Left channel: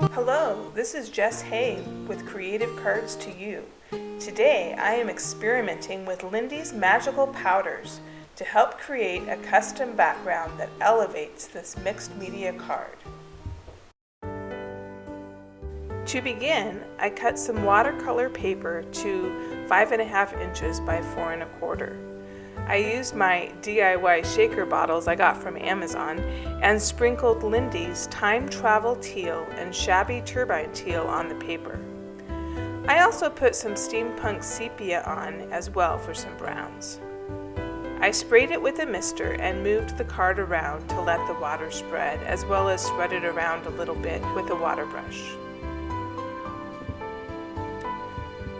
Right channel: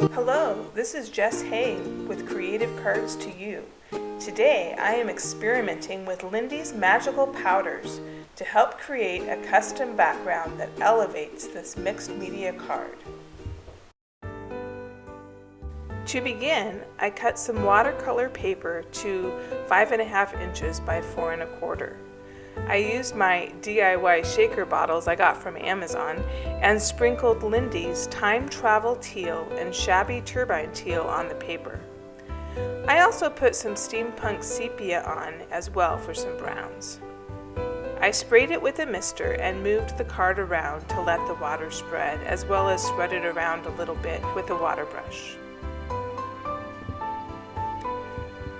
Hello, this is Jess Hay with Creative Cards to You. Today I am experimenting with Lindy's magical powders to help create a custom background that elevates this mixed media card. To begin, I cut some watercolor paper to 5.5 inches by 4 1/4. I used my DIY shaker bottles I got from Amazon and sprinkled Lindy's Time Travel Teal and Shabby Turbine Teal on the paper. I also put some Steampunk Sepia on as well for some browns. I sprayed it with a mister and moved the card around to let the water spread, as well as spread it around a little bit with a water brush.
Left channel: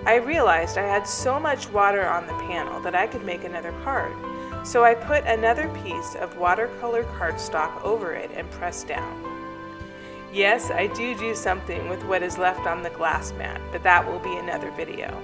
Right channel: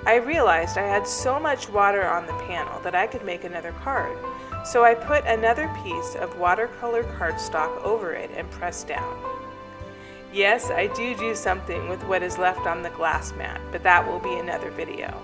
I realized I had so much water on the panel that I could make another card, so I put another piece of watercolor cardstock over it and pressed down. Yes, I do something with what is left on the glass mat, but that will be another video.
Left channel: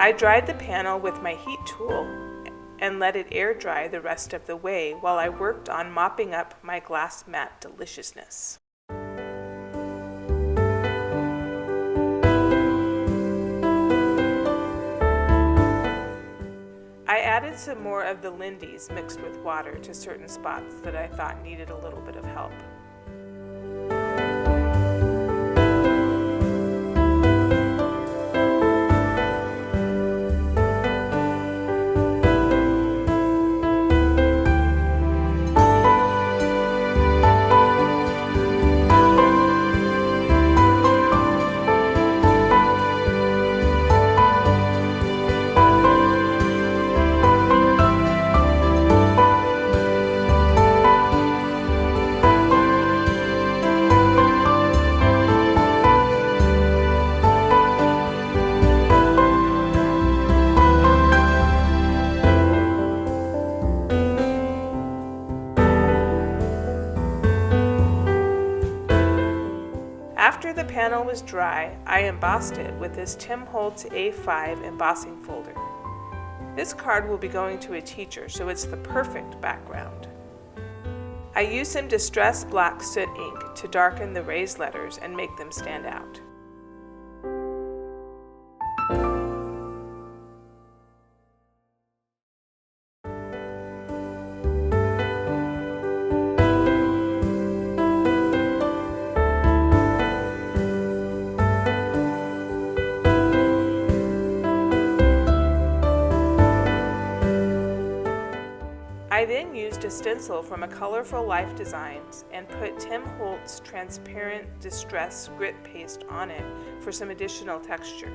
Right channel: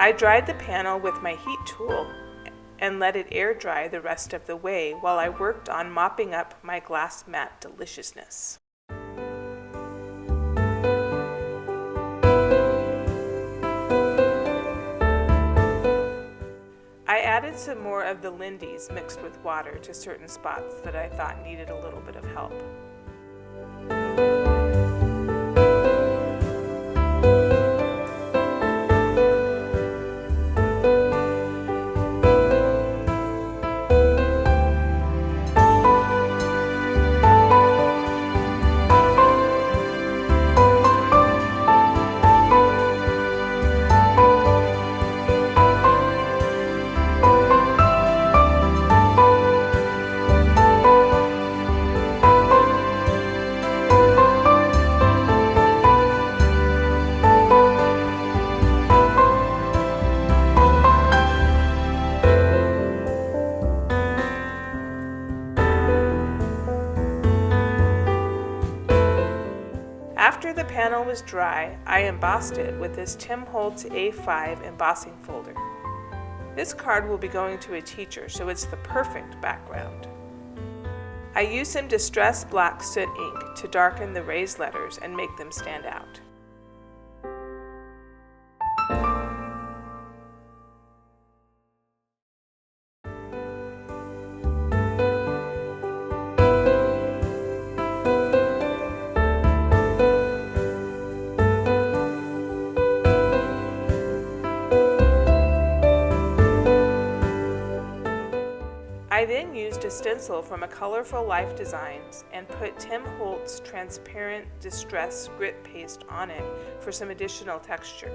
I dried the panel with my heat tool and let it air dry the rest of the way while I worked on mopping up my glass mat deliciousness. I added some more of the Lindy's mixed with water to certain spots that I thought needed a little bit of help. After the panel was dry, I embossed it with this Tim Holtz A5 embossing folder. This card will be going to a teacher, so it's the perfect background. I used some distressed black soot ink to darken the raised letters and make them stand out. I then used a stencil from a Colorful Life Designs and put Tim Holtz transparent distress grit paste on it for some additional texture.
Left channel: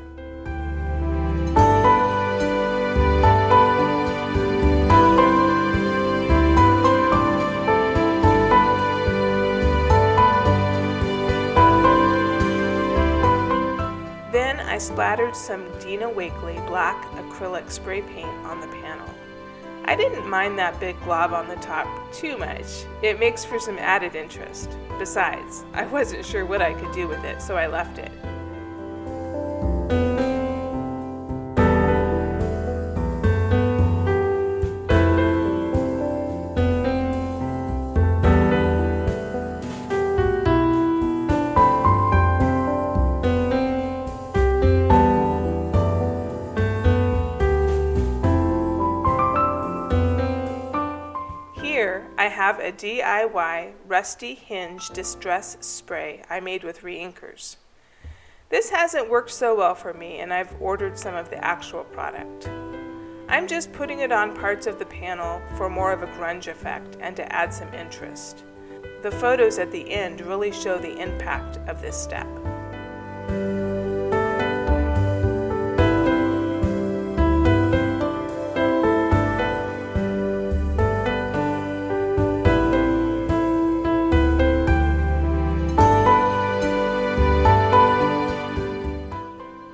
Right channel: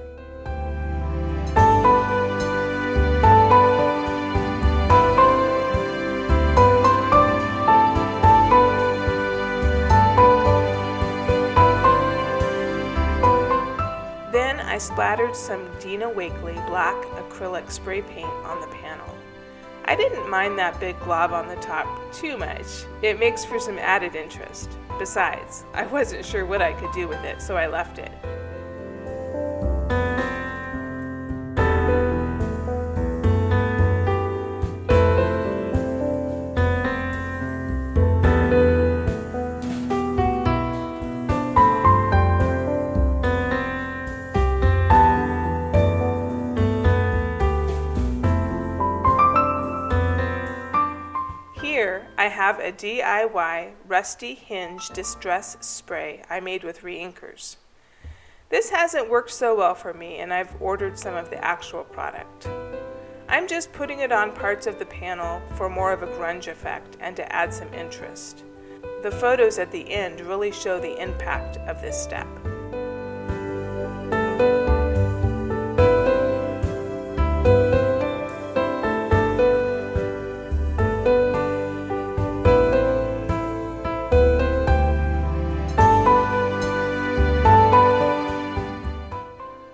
I splattered some Dina Wakley black acrylic spray paint on the panel. I didn't mind that big glob on the top too much. It makes for some added interest. Besides, I wasn't sure what I could do with it, so I left it. Here I have a DIY Rusty Hinge Distress Spray I made with reinkers. This hasn't worked so well for me, and I've ordered some of the actual product. I'm just putting it on parts of the panel for more of a grunge effect and to add some interest. The photos at the end really show the impact of this step.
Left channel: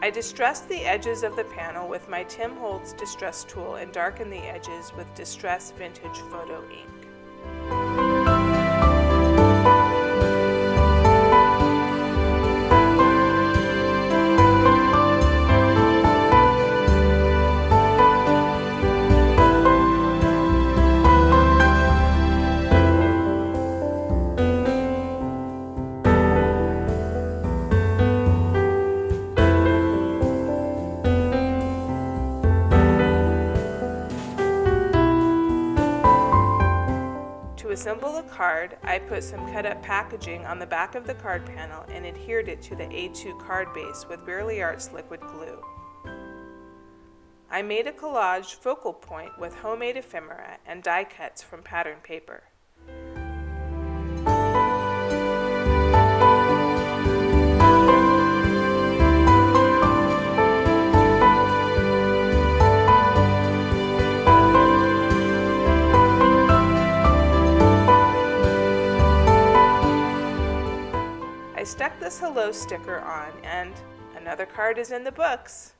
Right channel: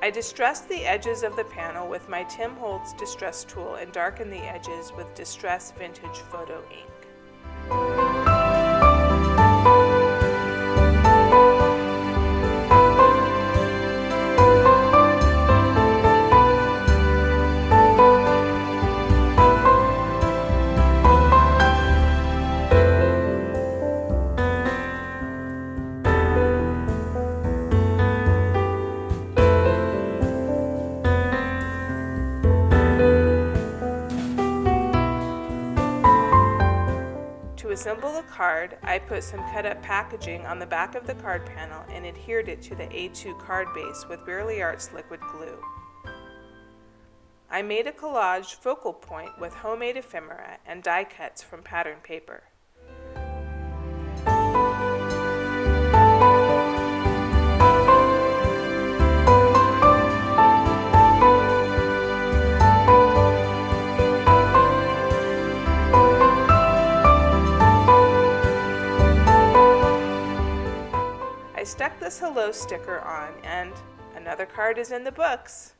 I distressed the edges of the panel with my Tim Holtz Distress tool and darkened the edges with Distress Vintage Photo ink. To assemble the card, I put some cut-up packaging on the back of the card panel and adhered it to the A2 card base with mixedmediaart's liquid glue. I made a collage focal point with homemade ephemera and die cuts from pattern paper. I stuck this hello sticker on, and another card is in the books.